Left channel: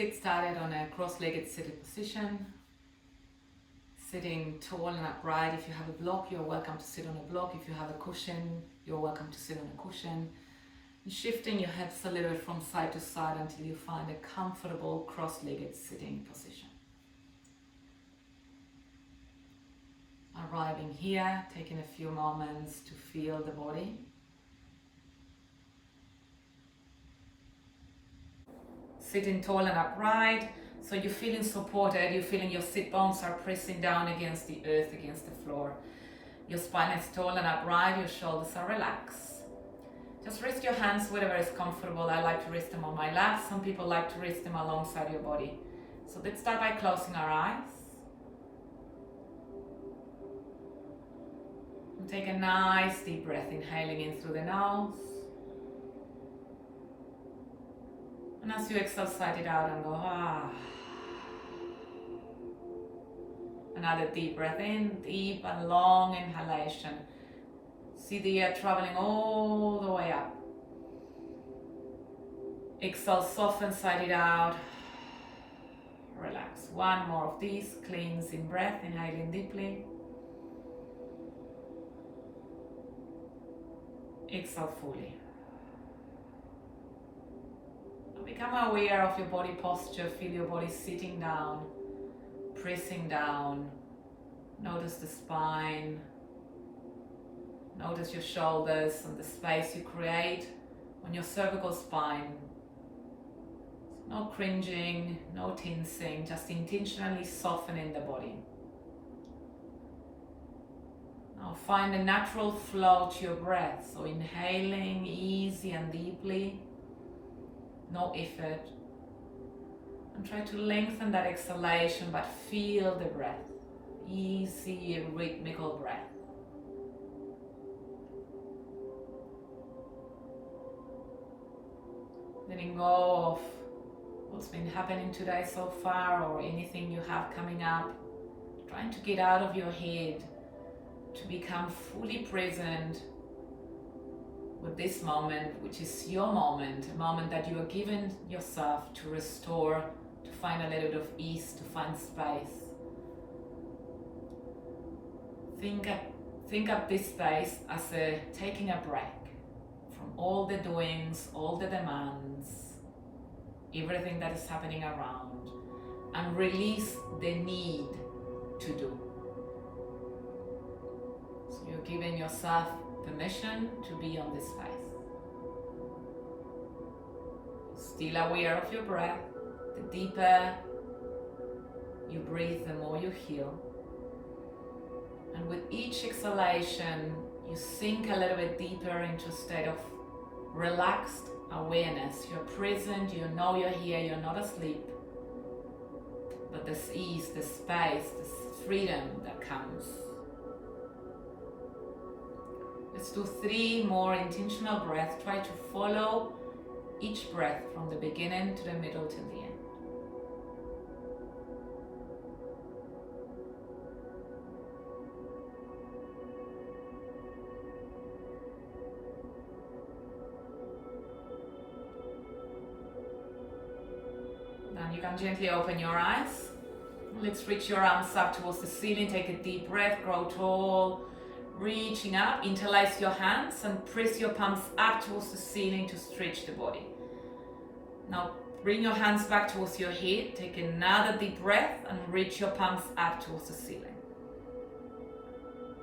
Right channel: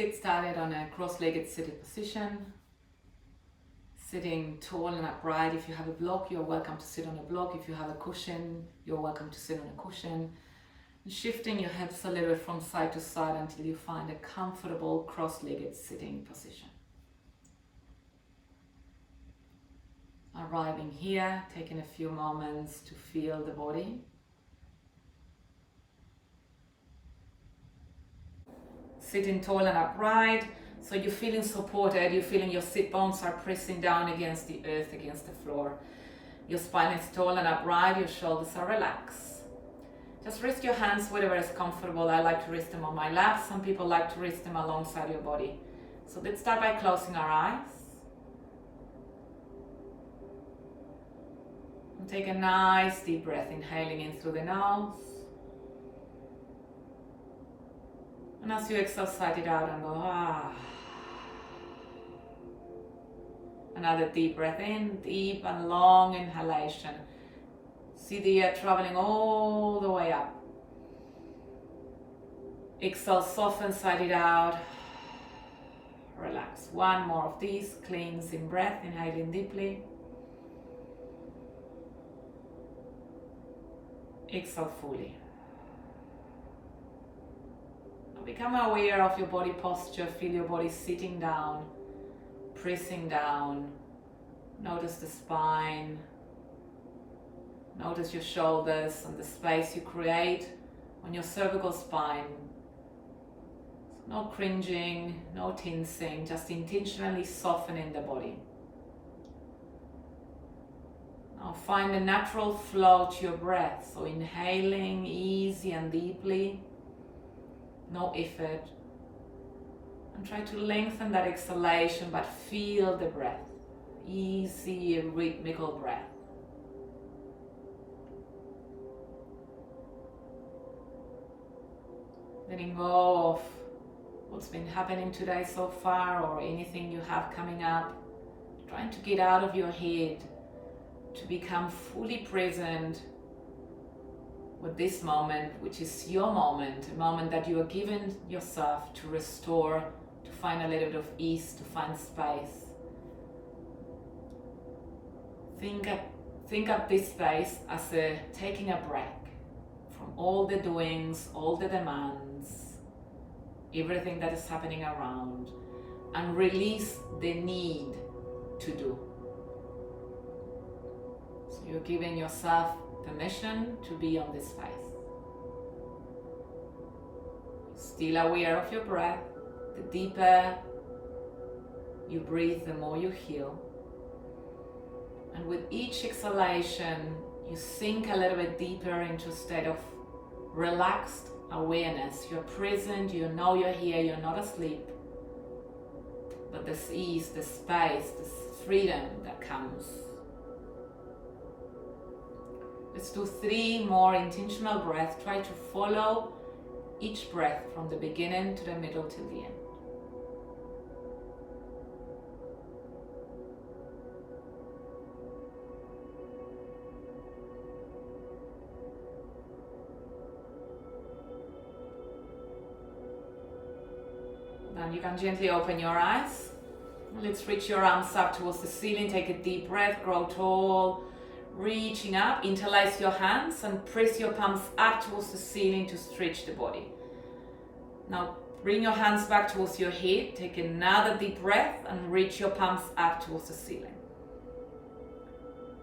get started on a cross-legged seated position. Sitting tall and upright. If you have a block, you're welcome to sit on a block. If you have a cushion, you're welcome to sit on a cushion. And shifting your hips a little bit from side to side until you find a comfortable cross-legged sitting position. Arriving here, taking a few moments to feel the body. Sitting tall and upright, so you're feeling supported, you're feeling your sit bones are pressing down against the earth, against the floor. Your spine is tall and upright, your shoulders are relaxed. Just rest your hands wherever is comfortable. I like to rest them on my lap. Some people like to rest them alongside your body. So let's start by closing our eyes. And take a nice deep breath, inhaling in through the nose. And as you exhale, sigh it out and go, ah. Another deep breath in, deep and long inhalation. See the air traveling all the way up. Exhale, soften, sigh it out. Relax. One more of these, cleansing breath, inhaling deeply. Exhale fully. Become aware of your body posture. Feel your body sitting down, pressing down. Notice the spine. Notice your shoulders and the space you create on your cervical spine. So no cringing, no tensing, just intentionally softening the body. Now find a natural flow to your breath. So inhaling easy and deeply. No effort, and try to lengthen that exhalation, but feel the breath, easy rhythmical breath. Letting go of what's been happening today so far or anything you have coming up, trying to get out of your head to become fully present with this moment, which is your moment, a moment that you are giving yourself to restore, to find a little bit of ease, to find space. Think of this space as taking a break from all the doings, all the demands, everything that is happening around, and release the need to do. So you're giving yourself permission to be on this space. Still aware of your breath. The deeper you breathe, the more you heal. And with each exhalation, you sink a little bit deeper into a state of relaxed awareness. You're present, you know you're here, you're not asleep. But this ease, this space, this freedom that comes. Let's do 3 more intentional breaths. Try to follow each breath from the beginning to the middle till the end. Then you can gently open your eyes. Let's reach your arms up towards the ceiling. Take a deep breath, grow tall. Reaching up, interlace your hands and press your palms up towards the ceiling to stretch the body. Now bring your hands back towards your head. Take another deep breath and reach your palms up towards the ceiling.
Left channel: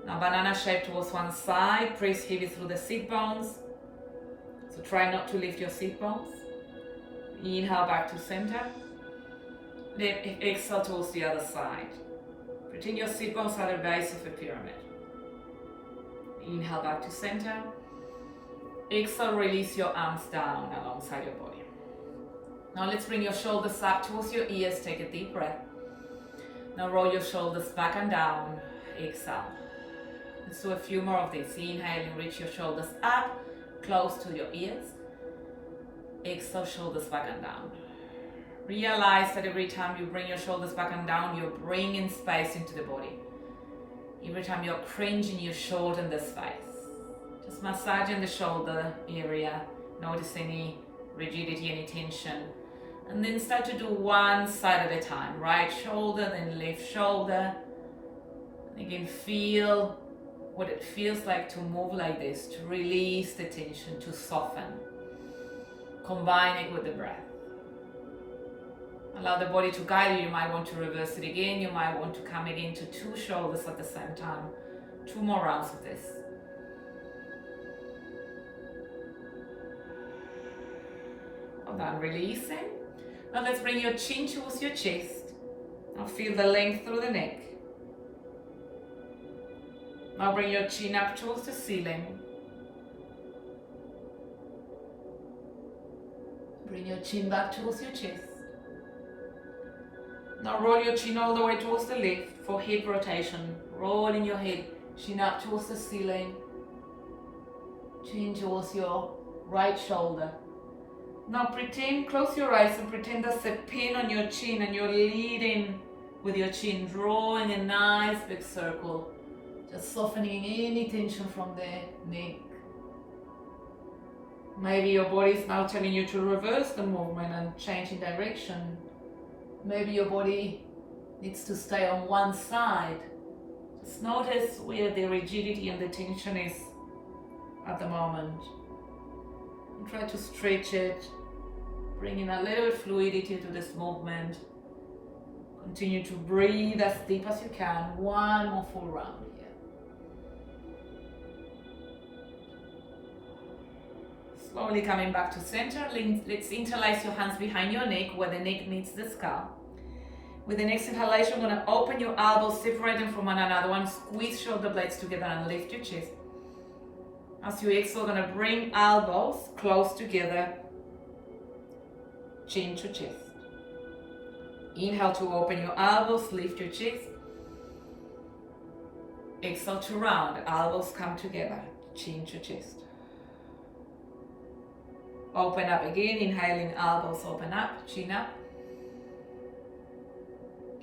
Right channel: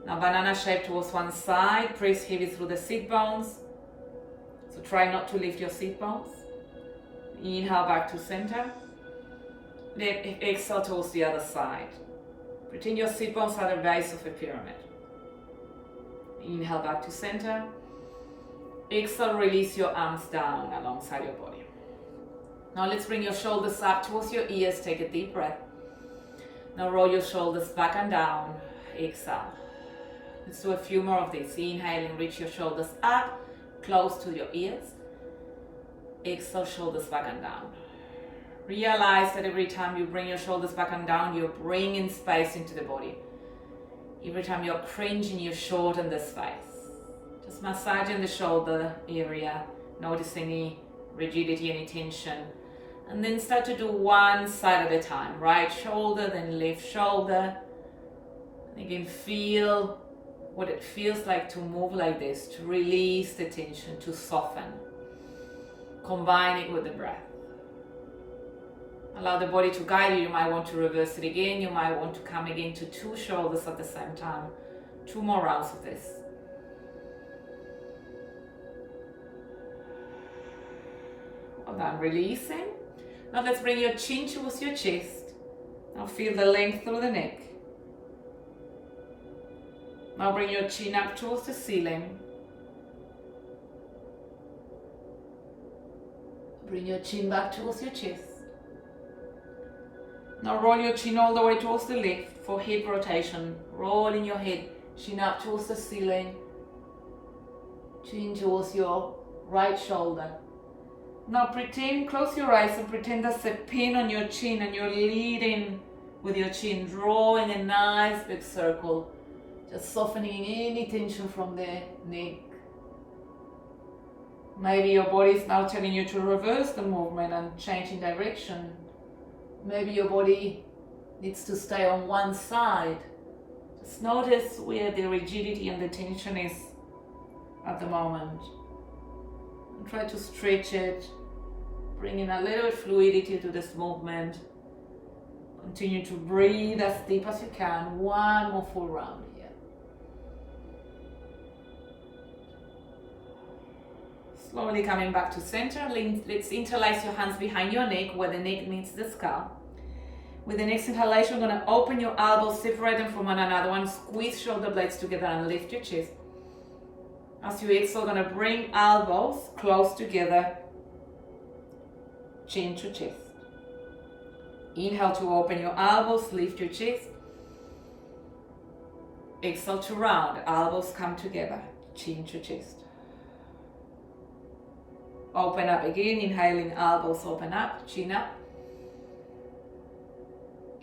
Now banana shape towards one side. Press heavy through the sit bones. So try not to lift your sit bones. Inhale back to center. Then exhale towards the other side. Pretend your sit bones are the base of a pyramid. Inhale back to center. Exhale, release your arms down alongside your body. Now let's bring your shoulders up towards your ears. Take a deep breath. Now roll your shoulders back and down. Exhale. Let's do a few more of these. Inhaling, reach your shoulders up, close to your ears. Exhale, shoulders back and down. Realize that every time you bring your shoulders back and down, you're bringing space into the body. Every time you're cringing, you shorten the space. Just massaging the shoulder area. Notice any rigidity, any tension. And then start to do one side at a time. Right shoulder, then left shoulder. And again, feel what it feels like to move like this, to release the tension, to soften. Combine it with the breath. Allow the body to guide you. You might want to reverse it again. You might want to come again to 2 shoulders at the same time. 2 more rounds of this. Well done, releasing. Now let's bring your chin towards your chest. Now feel the length through the neck. Now bring your chin up towards the ceiling. Bring your chin back towards your chest. Now roll your chin all the way towards the left for head rotation. Rolling your head, chin up towards the ceiling. Chin towards your right shoulder. Now pretend, close your eyes and pretend there's a pin on your chin and you're leading with your chin, drawing a nice big circle. Just softening any tension from the neck. Maybe your body is now telling you to reverse the movement and change in direction. Maybe your body needs to stay on one side. Just notice where the rigidity and the tension is at the moment. And try to stretch it, bring in a little bit fluidity to this movement. Continue to breathe as deep as you can. One more full round here. Slowly coming back to center. Let's interlace your hands behind your neck where the neck meets the skull. With the next inhalation, you're going to open your elbows, separate them from one another. Squeeze shoulder blades together and lift your chest. As you exhale, you're going to bring elbows close together, chin to chest. Inhale to open your elbows, lift your chest. Exhale to round, elbows come together, chin to chest. Open up again, inhaling, elbows open up, chin up.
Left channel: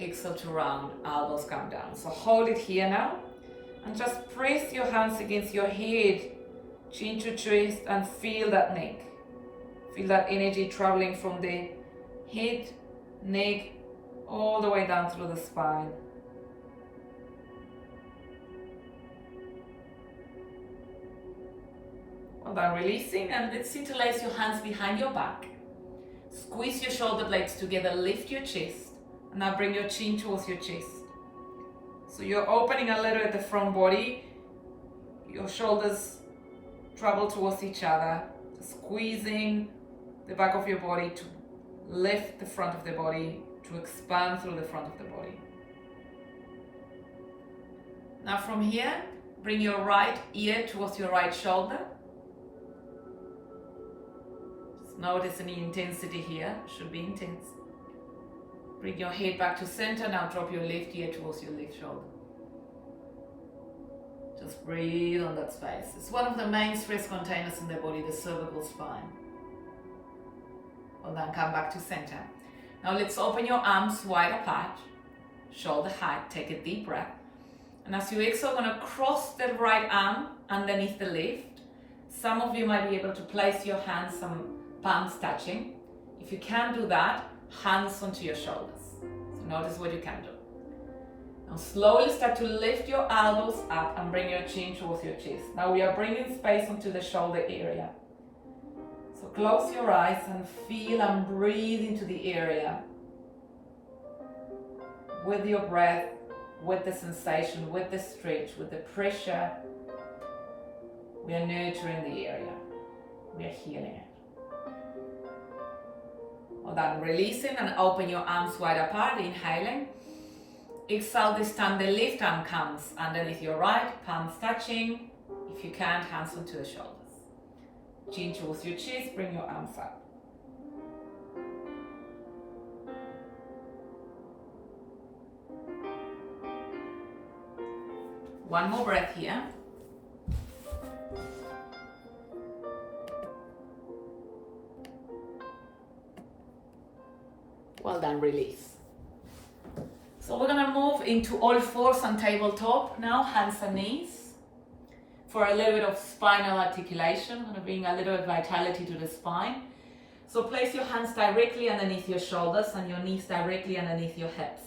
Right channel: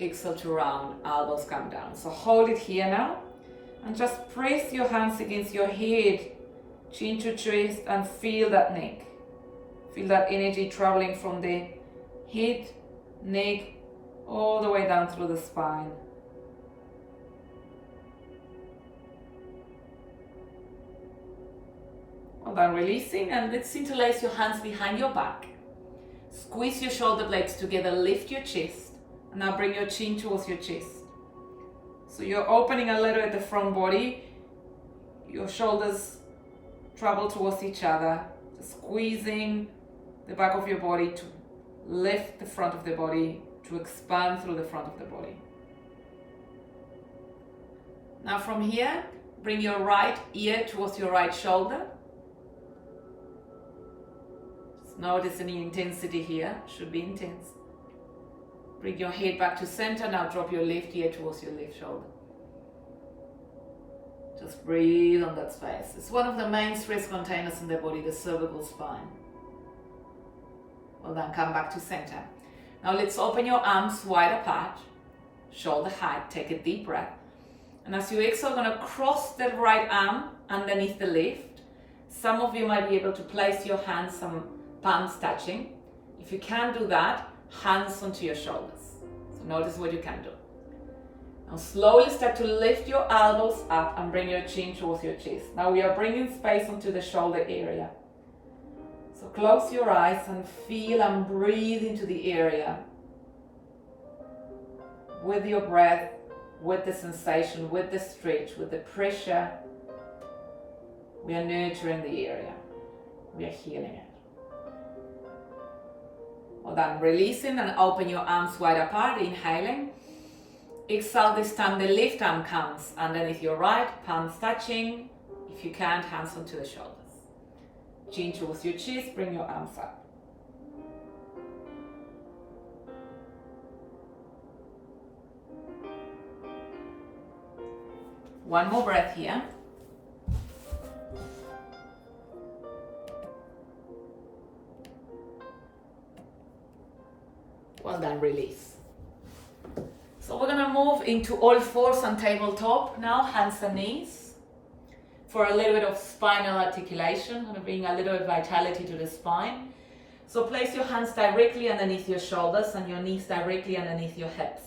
Exhale to round, elbows come down. So hold it here now and just press your hands against your head, chin to chest, and feel that neck. Feel that energy traveling from the head, neck, all the way down through the spine. Well done, releasing, and let's interlace your hands behind your back. Squeeze your shoulder blades together, lift your chest. And now bring your chin towards your chest. So you're opening a little at the front body. Your shoulders travel towards each other. Just squeezing the back of your body to lift the front of the body, to expand through the front of the body. Now from here, bring your right ear towards your right shoulder. Just notice any intensity here. Should be intense. Bring your head back to center. Now drop your left ear towards your left shoulder. Just breathe on that space. It's one of the main stress containers in the body, the cervical spine. Well done, come back to center. Now let's open your arms wide apart, shoulder height, take a deep breath. And as you exhale, you're going to cross the right arm underneath the left. Some of you might be able to place your hands, some palms touching. If you can't do that, hands onto your shoulders. So notice what you can do. Now slowly start to lift your elbows up and bring your chin towards your chest. Now we are bringing space onto the shoulder area. So close your eyes and feel and breathe into the area. With your breath, with the sensation, with the stretch, with the pressure, we are nurturing the area. We are healing it. Well done. Releasing and open your arms wide apart, inhaling. Exhale, this time the left arm comes underneath your right, palms touching. If you can't, hands onto the shoulders. Chin towards your chest, bring your arms up. One more breath here. Well done, release. So we're gonna move into all fours and tabletop now, hands and knees. For a little bit of spinal articulation, gonna bring a little bit of vitality to the spine. So place your hands directly underneath your shoulders and your knees directly underneath your hips.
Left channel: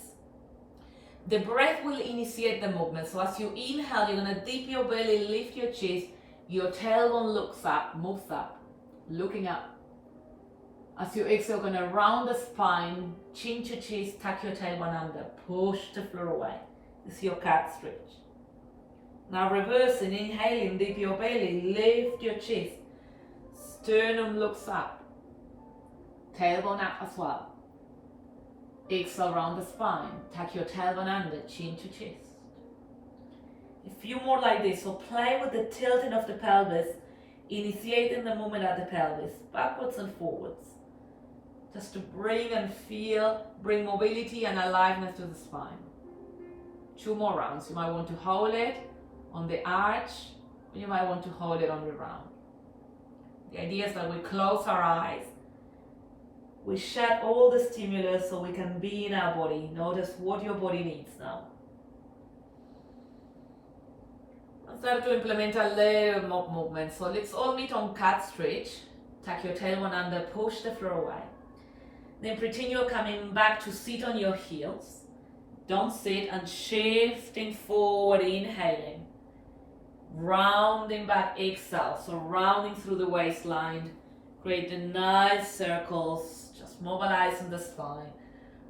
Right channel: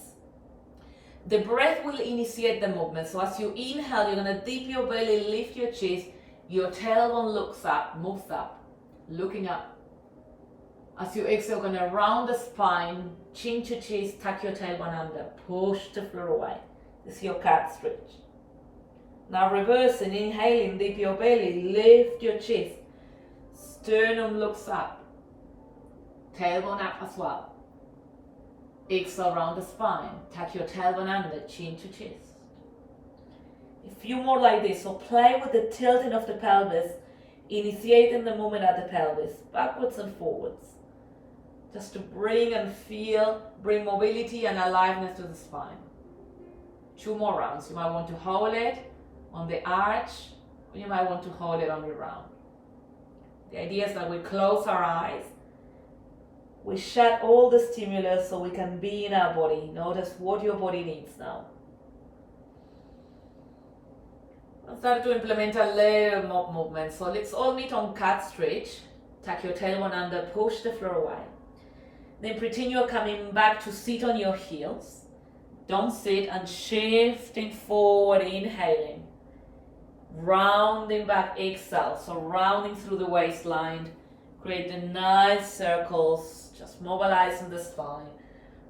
The breath will initiate the movement. So as you inhale, you're going to dip your belly, lift your chest, your tailbone looks up, moves up, looking up. As you exhale, you're going to round the spine, chin to chest, tuck your tailbone under, push the floor away. This is your cat stretch. Now reversing, inhaling, dip your belly, lift your chest, sternum looks up, tailbone up as well. Exhale, round the spine, tuck your tailbone under, chin to chest. A few more like this. So play with the tilting of the pelvis, initiating the movement at the pelvis, backwards and forwards. Just to bring and feel, bring mobility and aliveness to the spine. 2 more rounds. You might want to hold it on the arch, or you might want to hold it on the round. The idea is that we close our eyes, we shut all the stimulus so we can be in our body. Notice what your body needs now. I'll start to implement a little more movement. So let's all meet on cat stretch. Tuck your tailbone under, push the floor away. Then pretend you're coming back to sit on your heels. Don't sit, and shifting forward, inhaling. Rounding back, exhale. So rounding through the waistline. Create the nice circles, just mobilizing the spine.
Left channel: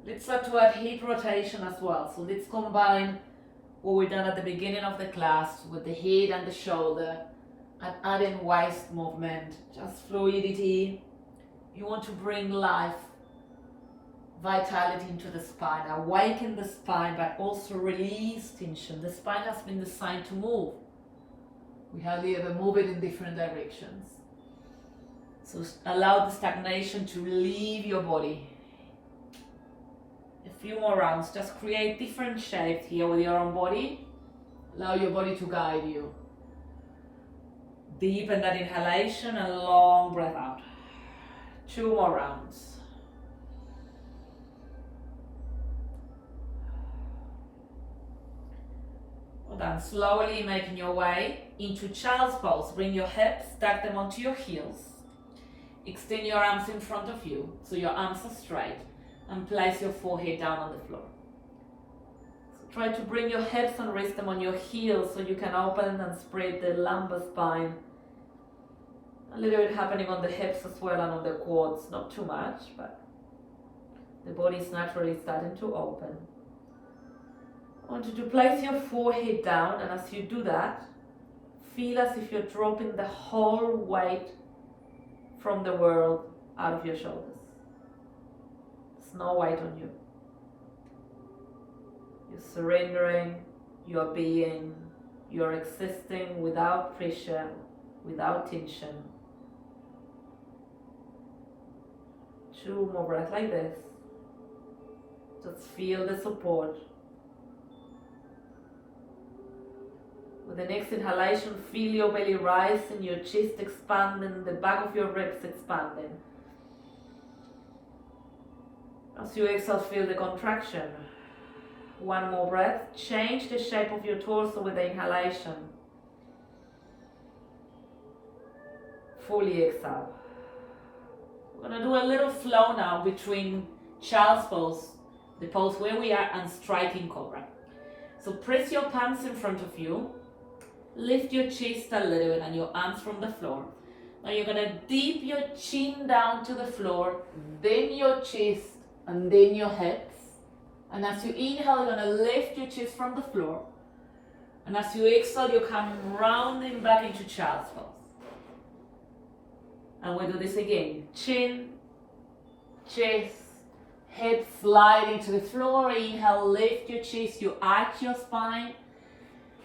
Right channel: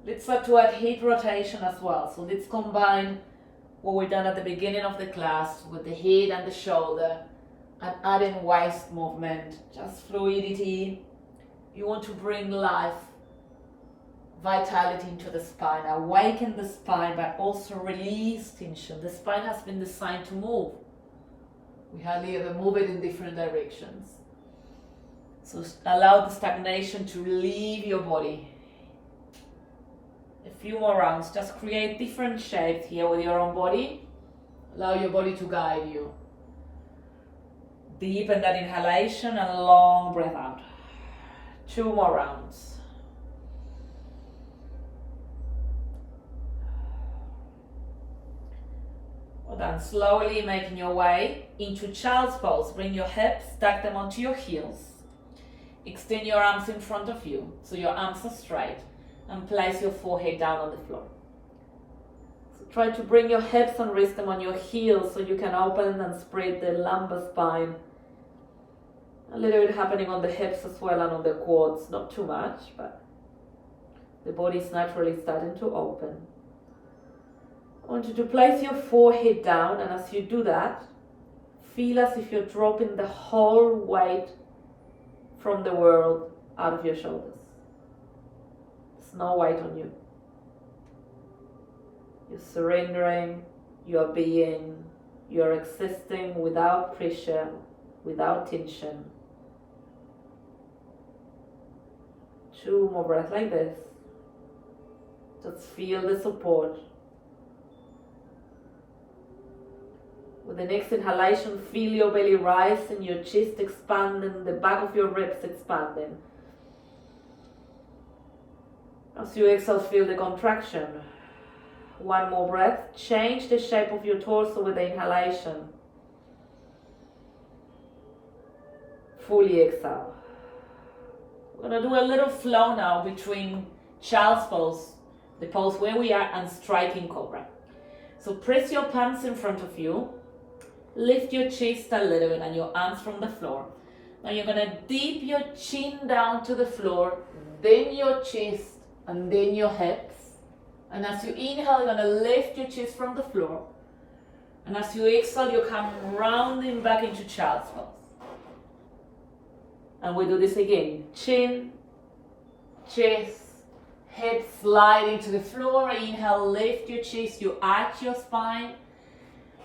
Let's start to add hip rotation as well. So let's combine what we've done at the beginning of the class with the head and the shoulder, and adding waist movement, just fluidity. You want to bring life, vitality into the spine, awaken the spine, but also release tension. The spine has been designed to move. We hardly ever move it in different directions. So allow the stagnation to leave your body. A few more rounds. Just create different shapes here with your own body. Allow your body to guide you. Deepen that inhalation and long breath out. 2 more rounds. Well done. Slowly making your way into child's pose. Bring your hips, stack them onto your heels. Extend your arms in front of you so your arms are straight, and place your forehead down on the floor. So try to bring your hips and rest them on your heels so you can open and spread the lumbar spine. A little bit happening on the hips as well and on the quads, not too much, but the body is naturally starting to open. I want you to place your forehead down, and as you do that, feel as if you're dropping the whole weight from the world out of your shoulders. There's no weight on you. You're surrendering, you're being, you're existing without pressure, without tension. 2 more breaths like this. Just feel the support. With the next inhalation, feel your belly rise and your chest expanding, the back of your ribs expanding. As you exhale, feel the contraction. 1 more breath. Change the shape of your torso with the inhalation. Fully exhale. We're going to do a little flow now between child's pose, the pose where we are, and striking cobra. So press your palms in front of you. Lift your chest a little bit and your arms from the floor. Now you're going to dip your chin down to the floor, then your chest, and then your hips. And as you inhale, you're going to lift your chest from the floor. And as you exhale, you come rounding back into child's pose. And we do this again. Chin, chest, hips slide into the floor. Inhale, lift your chest, you arch your spine.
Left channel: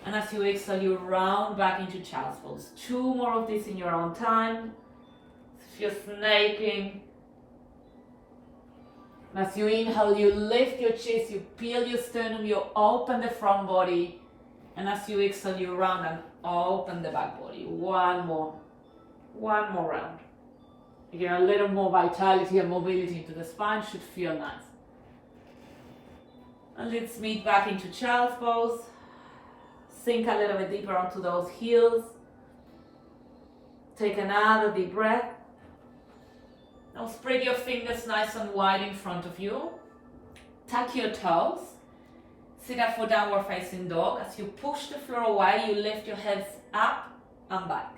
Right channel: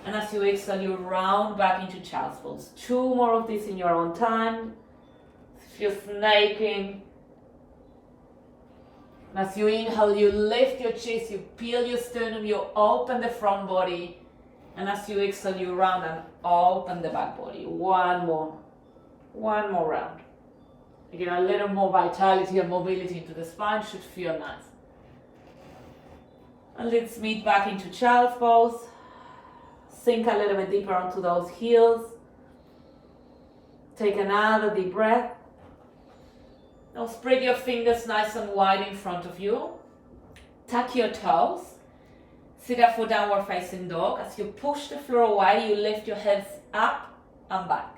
And as you exhale, you round back into child's pose. 2 more of this in your own time. If you're snaking. And as you inhale, you lift your chest, you peel your sternum, you open the front body. And as you exhale, you round and open the back body. 1 more. 1 more round. Again, a little more vitality and mobility into the spine should feel nice. And let's meet back into child's pose. Sink a little bit deeper onto those heels. Take another deep breath. Now spread your fingers nice and wide in front of you. Tuck your toes. Sit up for downward facing dog. As you push the floor away, you lift your hips up and back.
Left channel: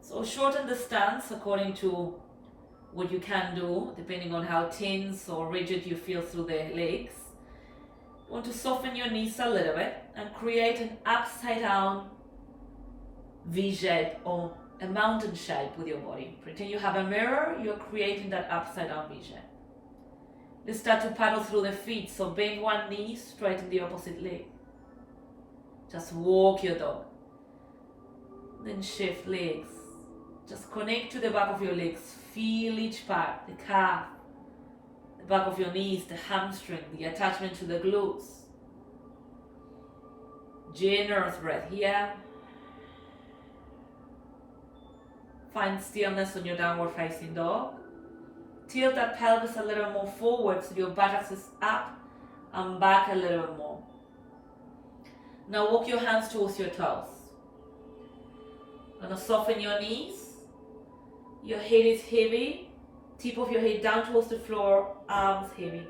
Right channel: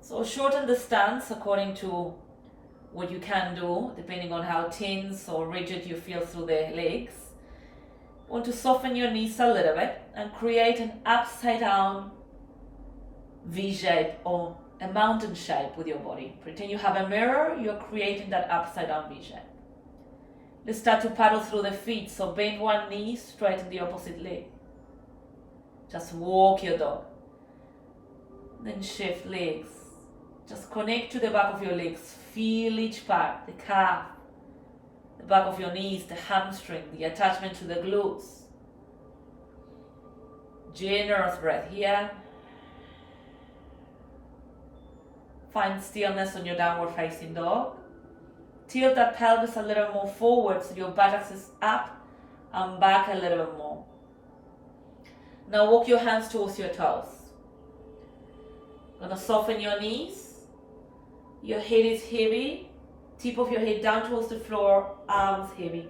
So shorten the stance according to what you can do, depending on how tense or rigid you feel through the legs. You want to soften your knees a little bit and create an upside down V shape or a mountain shape with your body. Pretend you have a mirror, you're creating that upside down V shape. Let's start to paddle through the feet, so bend one knee, straighten the opposite leg. Just walk your dog. Then shift legs. Just connect to the back of your legs. Feel each part, the calf, the back of your knees, the hamstring, the attachment to the glutes. Generous breath here. Find stillness on your downward facing dog. Tilt that pelvis a little more forward so your buttocks is up and back a little bit more. Now walk your hands towards your toes. Gonna soften your knees. Your head is heavy. Tip of your head down towards the floor, arms heavy.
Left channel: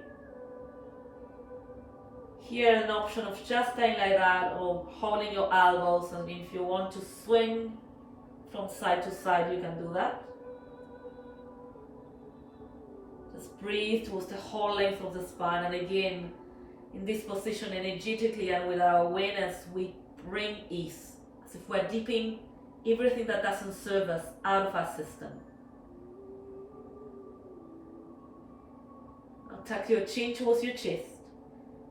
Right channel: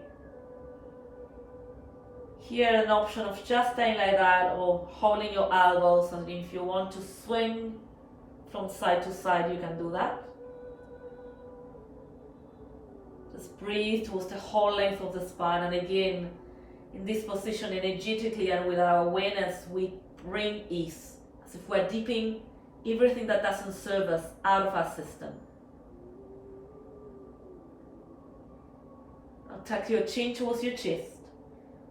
Here an option of just staying like that or holding your elbows, and if you want to swing from side to side, you can do that. Just breathe towards the whole length of the spine, and again, in this position, energetically and with our awareness, we bring ease, as if we're dipping everything that doesn't serve us out of our system. Now tuck your chin towards your chest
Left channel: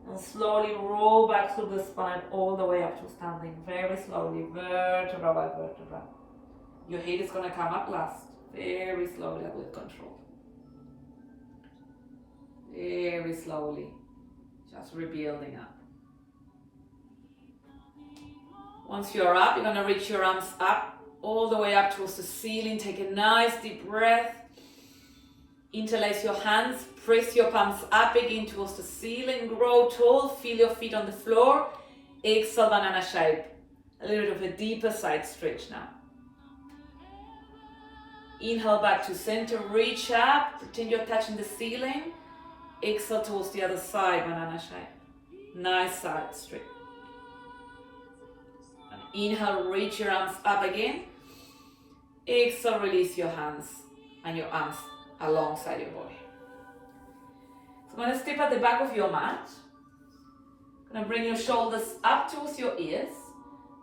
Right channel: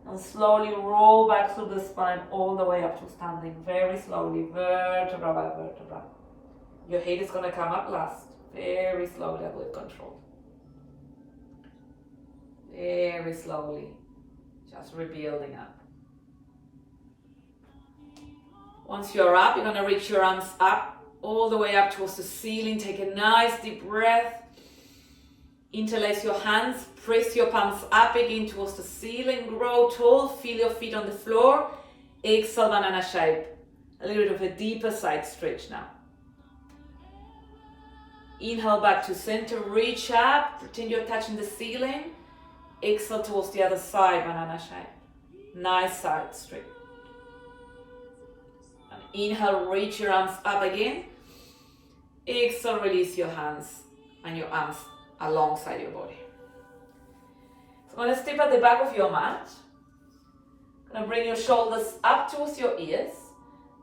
and slowly roll back through the spine all the way up to standing, very slowly, vertebra by vertebra. Your head is going to come up last, very slowly and with control. Very slowly, just rebuilding up. Once you're up, you're going to reach your arms up, all the way up towards the ceiling. Take a nice deep breath. Interlace your hands, press your palms up again towards the ceiling. Grow tall, feel your feet on the floor. Exhale, banana shape. A little bit of a deeper side stretch now. Inhale back to center, reach up, pretend you're touching the ceiling. Exhale towards the other side, banana shape. Nice side stretch. And inhale, reach your arms up again. Exhale, release your hands and your arms alongside your body. So I'm going to step at the back of your mat. Going to bring your shoulders up towards your ears.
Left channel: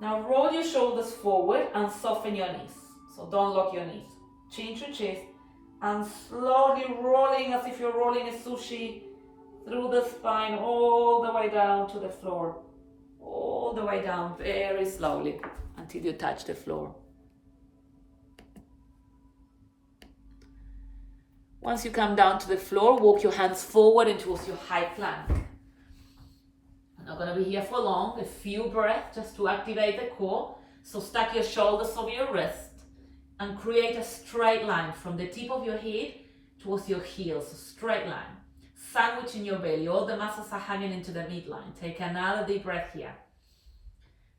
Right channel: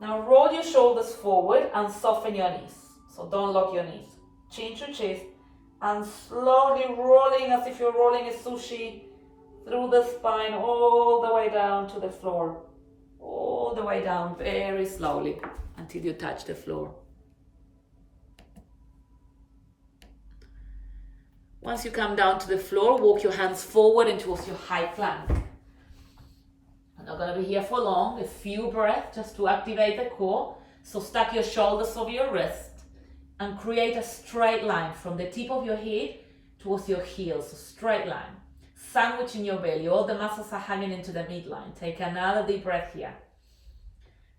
Now roll your shoulders forward and soften your knees. So don't lock your knees. Chin to chest and slowly rolling as if you're rolling a sushi through the spine all the way down to the floor. All the way down very slowly until you touch the floor. Once you come down to the floor, walk your hands forward and towards your high plank. I'm not going to be here for long, a few breaths just to activate the core. So stack your shoulders over your wrist and create a straight line from the tip of your head towards your heels, a straight line. Sandwich in your belly, all the muscles are hanging into the midline. Take another deep breath here.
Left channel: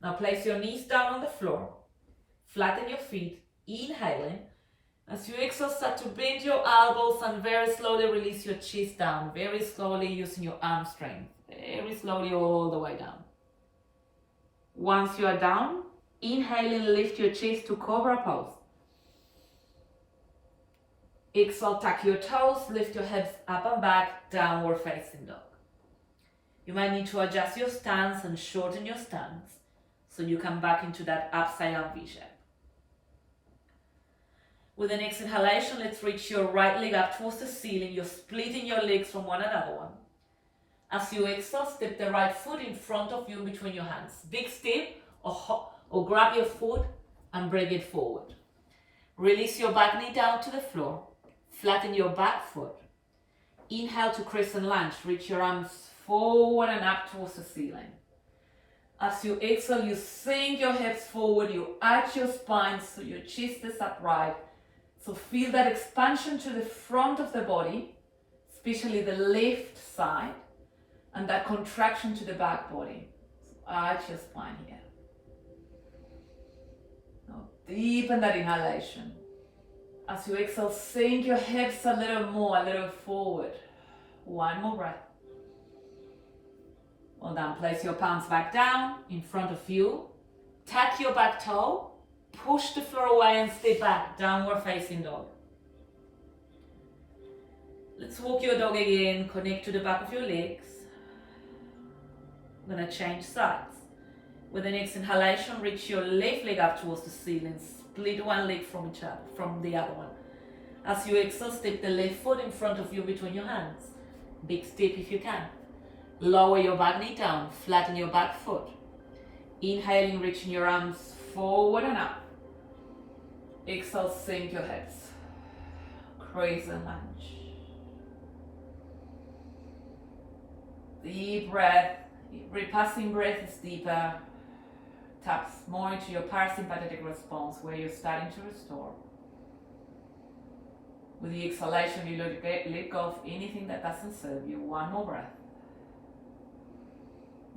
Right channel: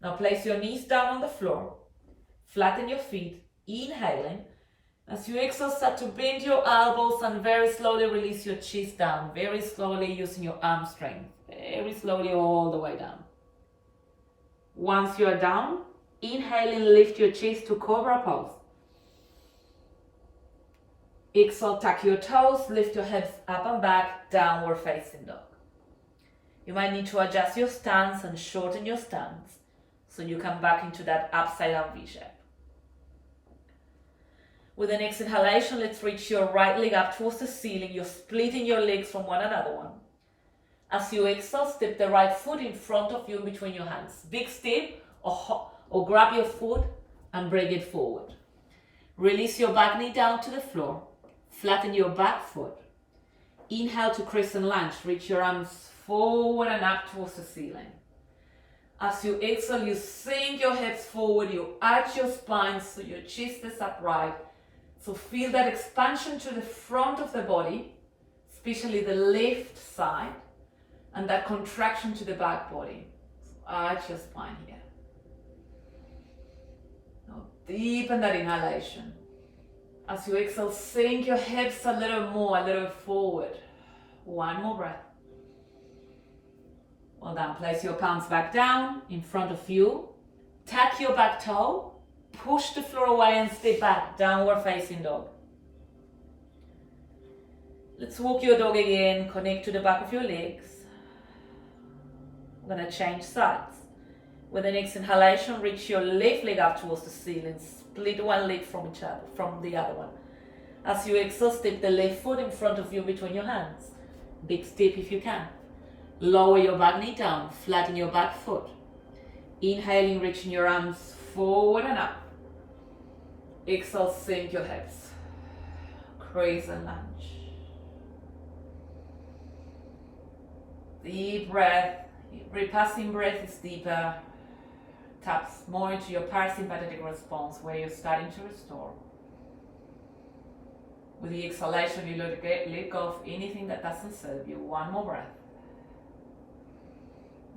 Now place your knees down on the floor, flatten your feet, inhaling. As you exhale, start to bend your elbows and very slowly release your chest down, very slowly using your arm strength, very slowly all the way down. Once you are down, inhaling, lift your chest to cobra pose. Exhale, tuck your toes, lift your hips up and back, downward facing dog. You might need to adjust your stance and shorten your stance so you come back into that upside down V shape. With the next inhalation, let's reach your right leg up towards the ceiling. You're splitting your legs from one another one. As you exhale, step the right foot in front of you in between your hands. Big step or grab your foot and bring it forward. Release your back knee down to the floor. Flatten your back foot. Inhale to crescent lunge. Reach your arms forward and up towards the ceiling. As you exhale, you sink your hips forward. You arch your spine so your chest is upright. So feel that expansion to the front of the body, especially the left side, and that contraction to the back body. So arch your spine here. Now deepen that inhalation. As you exhale, sink your hips a little more, a little forward. One more breath. Well done. Place your palms back down in front of you. Tuck your back toe. Push the floor away and step back. Downward facing dog. Let's walk your dog again. Connect to the back of your legs. We're going to change sides. With the next inhalation, reach your left leg up towards the ceiling. Split one leg from the other one. As you exhale, step the left foot in front of you between your hands. Big step if you can. Lower your back knee down. Flatten your back foot. Inhaling, reaching your arms forward and up. Exhale, sink your hips. Crescent lunge. Deep breath. Repassing breath is deeper. Taps more into your parasympathetic response where you're starting to restore. With the exhalation, you let go of anything that doesn't serve you. One more breath.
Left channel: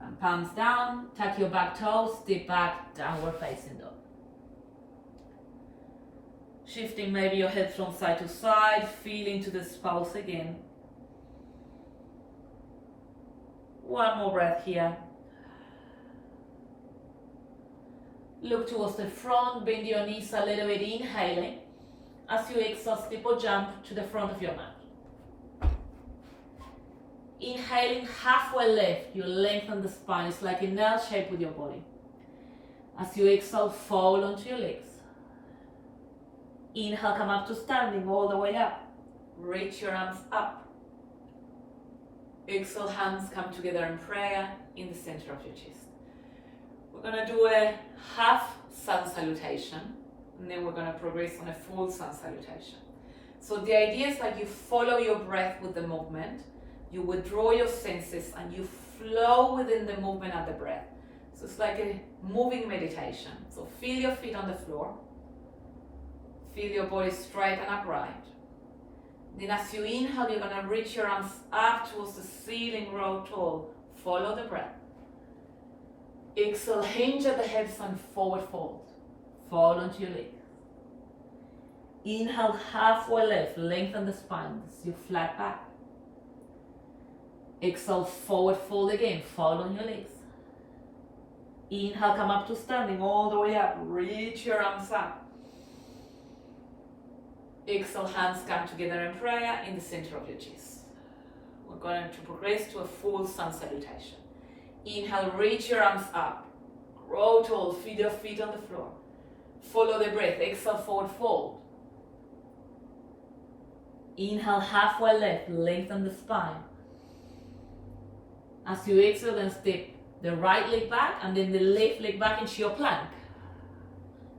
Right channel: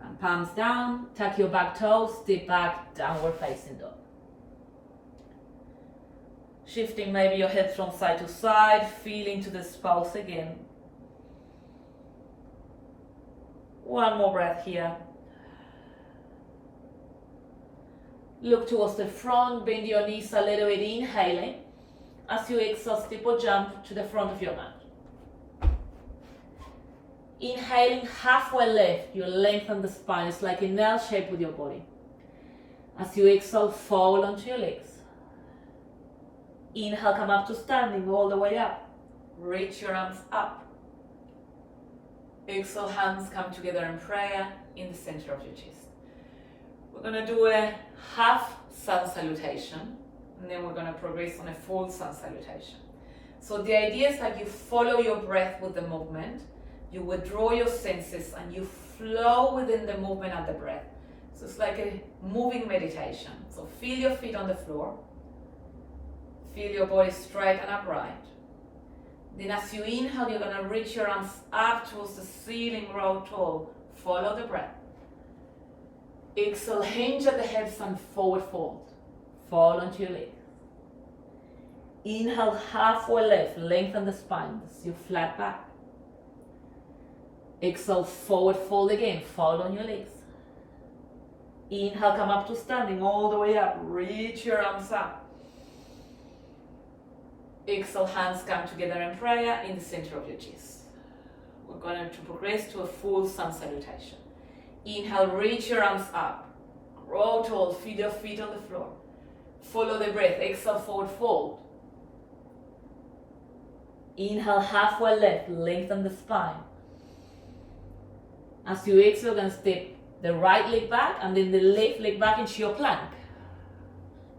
And palms down, tuck your back toes, step back, downward facing dog. Shifting maybe your hips from side to side, feeling to this pulse again. One more breath here. Look towards the front, bend your knees a little bit, inhaling. As you exhale, step or jump to the front of your mat. Inhaling halfway lift, you lengthen the spine. It's like an L shape with your body. As you exhale, fall onto your legs. Inhale, come up to standing all the way up. Reach your arms up. Exhale, hands come together in prayer in the center of your chest. We're going to do a half sun salutation, and then we're going to progress on a full sun salutation. So the idea is that you follow your breath with the movement, you withdraw your senses, and you flow within the movement and the breath. So it's like a moving meditation. So feel your feet on the floor, feel your body straight and upright. Then as you inhale, you're going to reach your arms up towards the ceiling, grow tall. Follow the breath. Exhale, hinge at the hips and forward fold. Fall onto your legs. Inhale, halfway lift, lengthen the spine as you flat back. Exhale, forward fold again, fall on your legs. Inhale, come up to standing all the way up, reach your arms up. Exhale, hands come together in prayer in the center of your chest. We're going to progress to a full sun salutation. Inhale, reach your arms up. Grow tall, feel your feet on the floor. Follow the breath. Exhale, forward fold. Inhale, halfway lift, lengthen the spine. As you exhale, then step the right leg back and then the left leg back into your plank.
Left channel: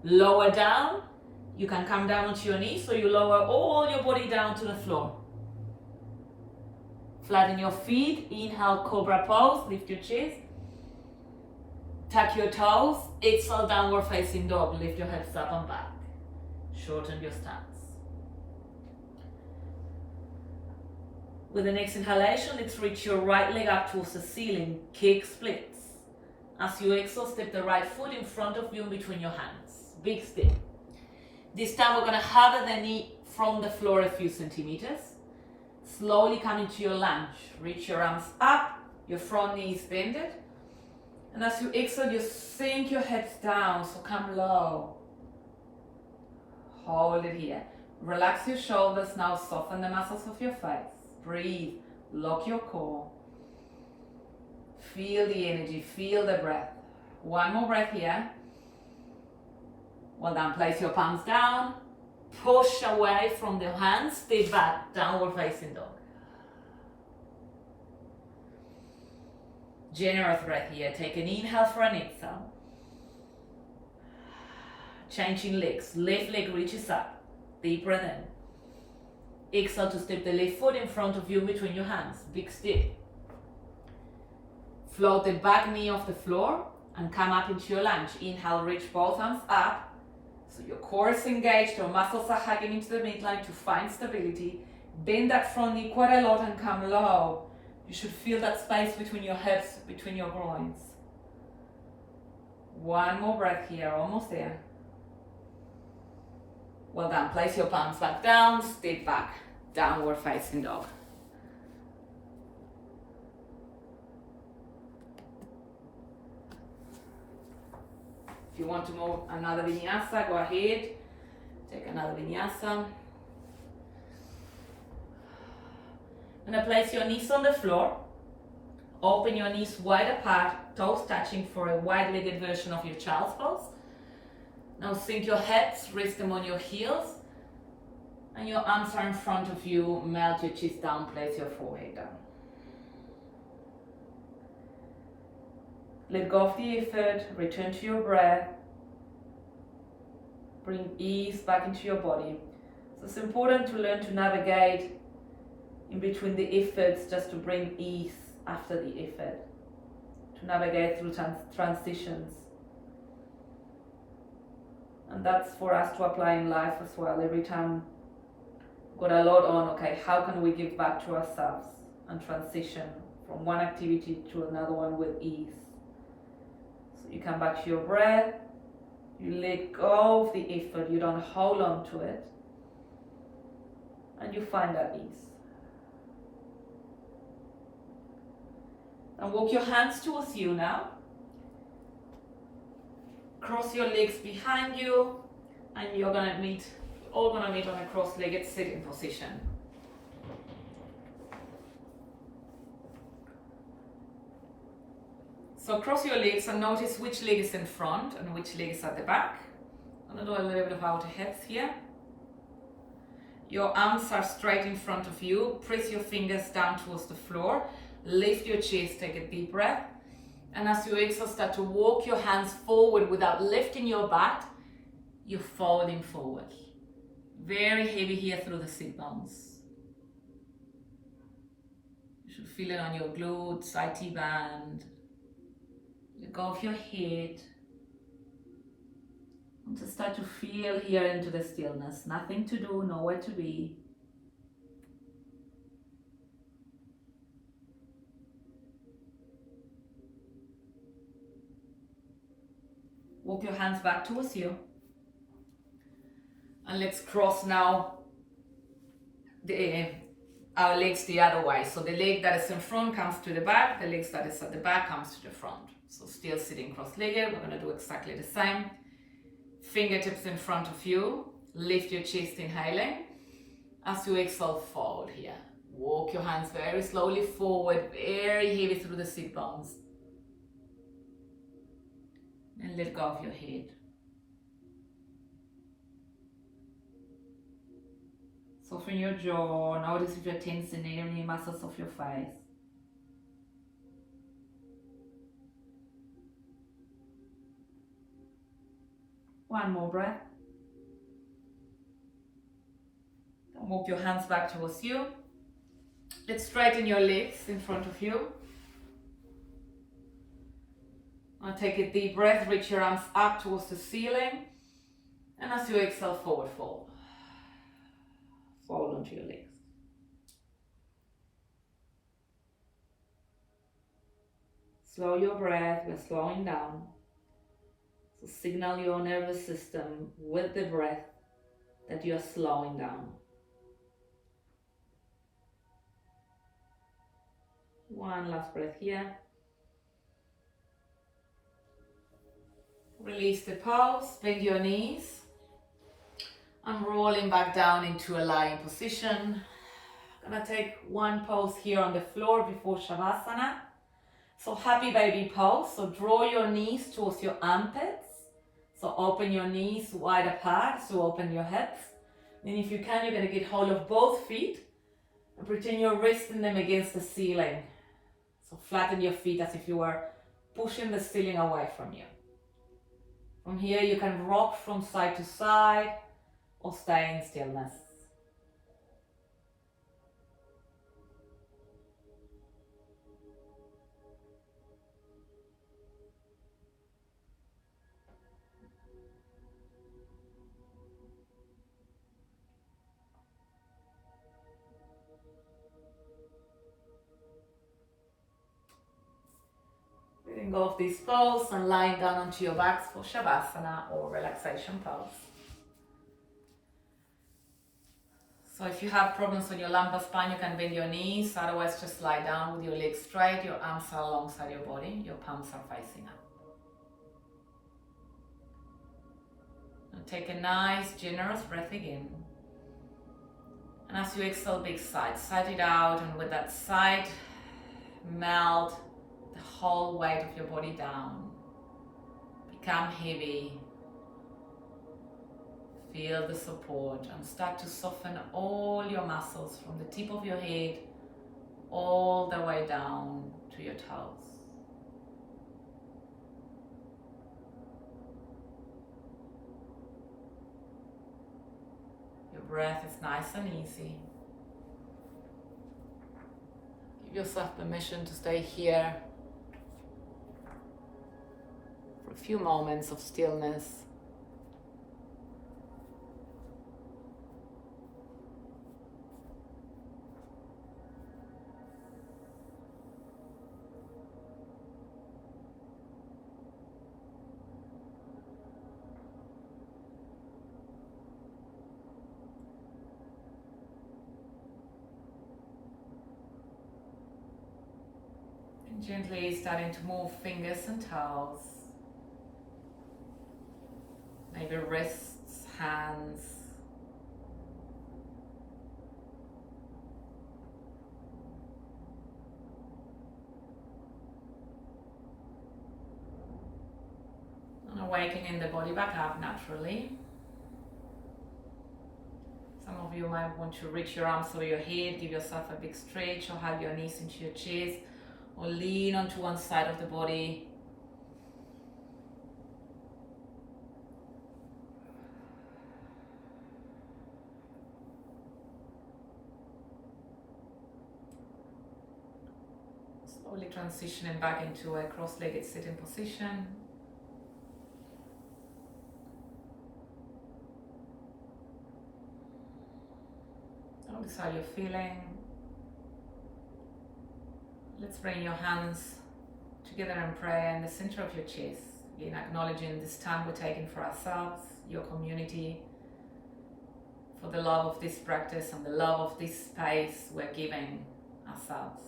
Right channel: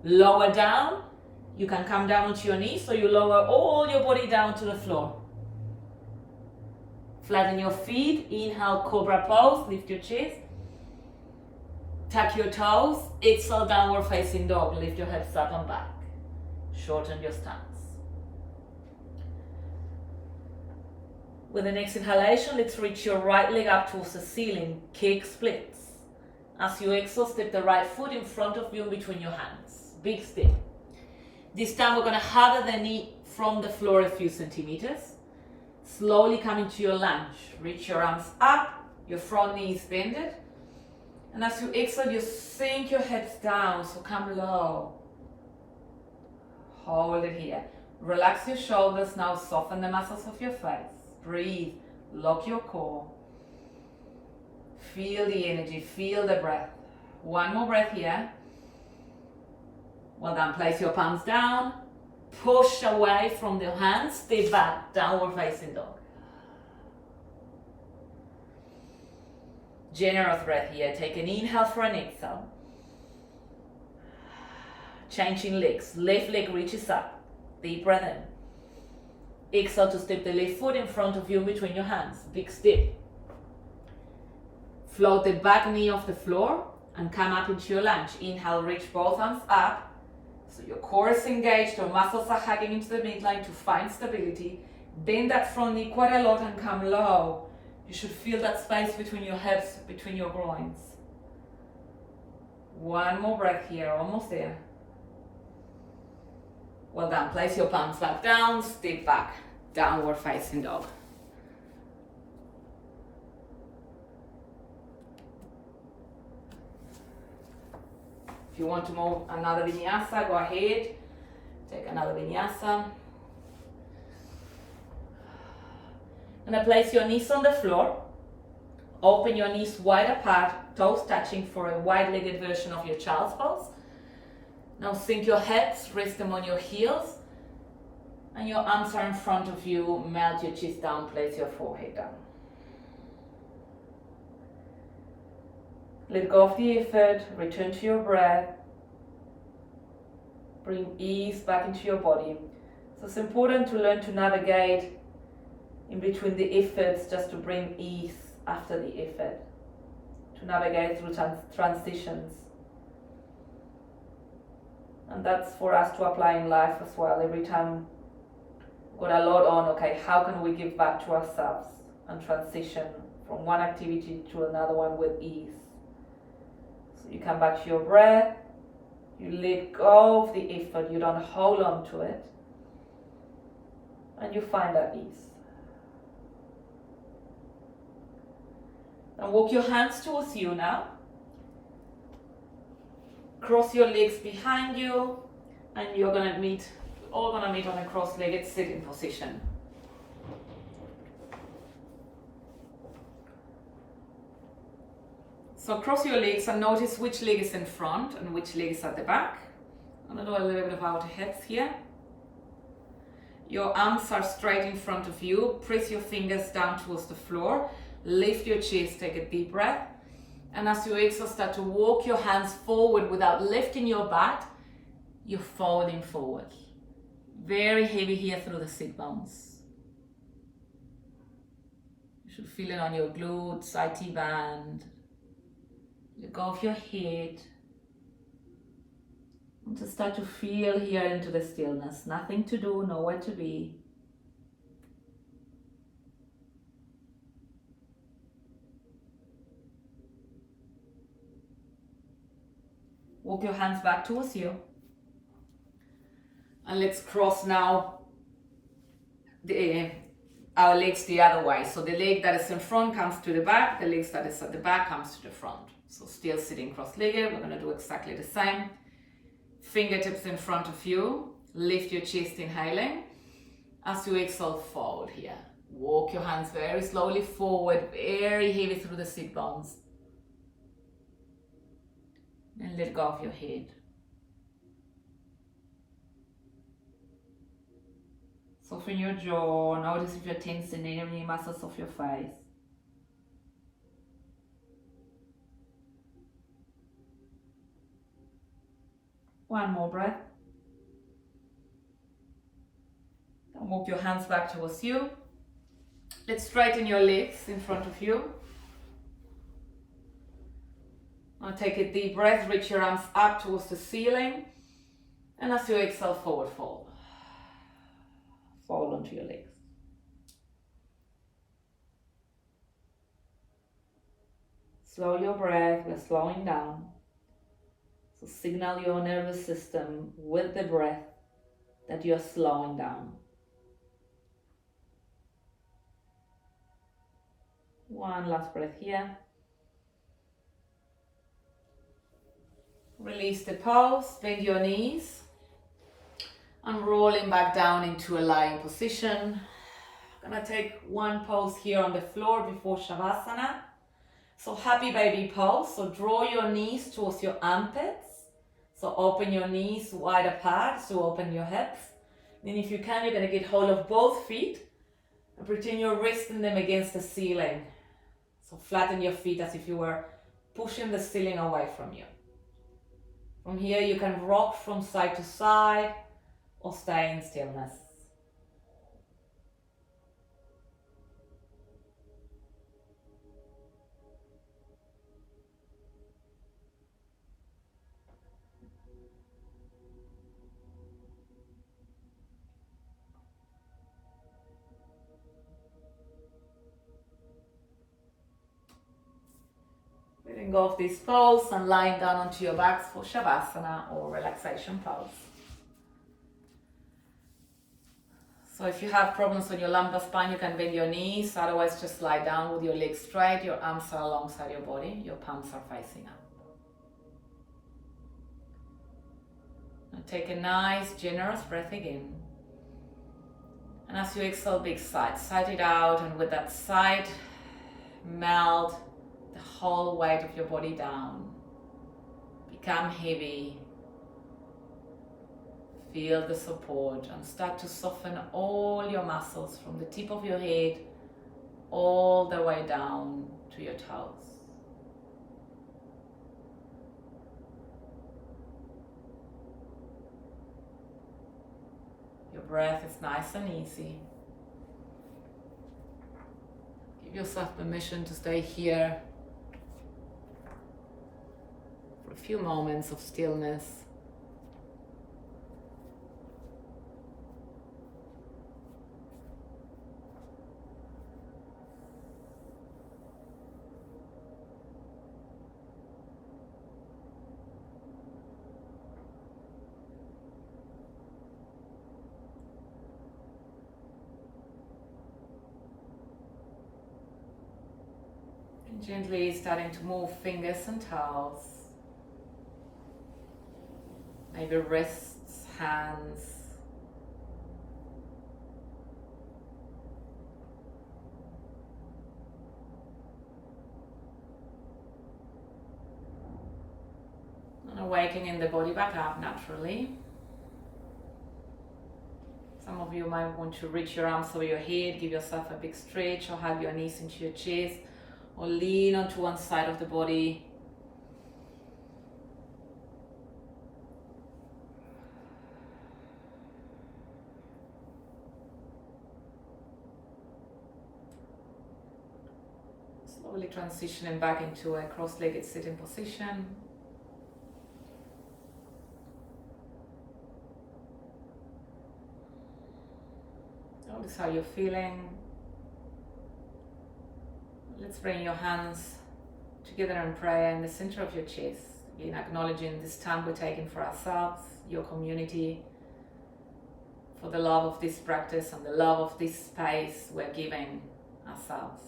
Lower down. You can come down onto your knees, so you lower all your body down to the floor. Flatten your feet. Inhale, cobra pose. Lift your chest. Tuck your toes. Exhale, downward facing dog. Lift your hips up and back. Shorten your stance. With the next inhalation, let's reach your right leg up towards the ceiling. Kick splits. As you exhale, step the right foot in front of you between your hands. Big step. This time we're going to hover the knee from the floor a few centimeters. Slowly come into your lunge. Reach your arms up. Your front knee is bended. And as you exhale, you sink your hips down. So come low. Hold it here. Relax your shoulders. Now soften the muscles of your face. Breathe. Lock your core. Feel the energy. Feel the breath. One more breath here. Well done. Place your palms down. Push away from the hands. Step back. Downward facing dog. Generous breath here. Take an inhale for an exhale. Changing legs. Left leg reaches up. Deep breath in. Exhale to step the left foot in front of you between your hands. Big step. Float the back knee off the floor and come up into your lunge. Inhale, reach both arms up. So your core is engaged, your muscles are hugging into the midline to find stability. Bend that front knee quite a lot and come low. You should feel that space between your hips, between your groins. One more breath here, almost there. Well done. Place your palms back down, step back, downward facing dog. If you want to move another vinyasa, go ahead. Take another vinyasa. And then place your knees on the floor. Open your knees wide apart, toes touching for a wide-legged version of your child's pose. Now sink your hips, rest them on your heels. And your arms are in front of you. Melt your chest down, place your forehead down. Let go of the effort, return to your breath. Bring ease back into your body. So it's important to learn to navigate in between the efforts, just to bring ease after the effort. To navigate through transitions. And that's for us to apply in life as well. Every time got a lot on, okay, how can we give back to ourselves and transition from one activity to another one with ease? So you come back to your breath, you let go of the effort, you don't hold on to it, and you find that ease. And walk your hands towards you now. Cross your legs behind you, and you're gonna meet on a cross-legged sitting position. So cross your legs and notice which leg is in front and which leg is at the back. I'm gonna do a little bit of outer hips here. Your arms are straight in front of you. Press your fingers down towards the floor. Lift your chest, take a deep breath. And as you exhale, start to walk your hands forward without lifting your butt. You're folding forward. Very heavy here through the sit bones. You should feel it on your glutes, IT band. Let go of your head. And just start to feel here into the stillness. Nothing to do, nowhere to be. Walk your hands back towards you. And let's cross now our legs the other way. So the leg that is in front comes to the back, the leg that is at the back comes to the front. So still sitting cross-legged, we're gonna do exactly the same. Fingertips in front of you, lift your chest, inhaling. As you exhale, fold here. Walk your hands very slowly forward, very heavy through the sit bones. And let go of your head. Soften your jaw, notice if you're tensing any muscles of your face. One more breath. And walk your hands back towards you. Let's straighten your legs in front of you. Now take a deep breath, reach your arms up towards the ceiling. And as you exhale, forward fold. Fold onto your legs. Slow your breath, we're slowing down. So signal your nervous system with the breath that you're slowing down. One last breath here. Release the pulse, bend your knees. And rolling back down into a lying position. I'm gonna take one pose here on the floor before Shavasana. So happy baby pose. So draw your knees towards your armpits. So open your knees wide apart, so open your hips. Then if you can, you're gonna get hold of both feet and pretend you're resting them against the ceiling. So flatten your feet as if you were pushing the ceiling away from you. From here, you can rock from side to side or stay in stillness. Letting go of this pose and lying down onto your backs for Shavasana or relaxation pose. So if you have problems on your lumbar spine, you can bend your knees. Otherwise, just lie down with your legs straight. Your arms are alongside your body. Your palms are facing up. Now take a nice, generous breath again. And as you exhale, big sigh. Sigh it out, and with that sigh, melt the whole weight of your body down. Become heavy. Feel the support and start to soften all your muscles from the tip of your head all the way down to your toes. Your breath is nice and easy. Give yourself permission to stay here for a few moments of stillness. Gently starting to move fingers and toes, maybe wrists, hands. And awakening the body back up naturally. Some of you might want to reach your arms over your head, give yourself a big stretch, or hug your knees into your chest, or lean onto one side of the body. Slowly transitioning back into a cross-legged sitting position. Notice how you're feeling. Let's bring your hands together in prayer in the center of your chest. Again, acknowledging this time we're taking for ourselves, your community, for the love of this practice and the love of this space we're giving ourselves.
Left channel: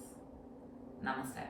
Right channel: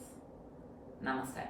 Namaste.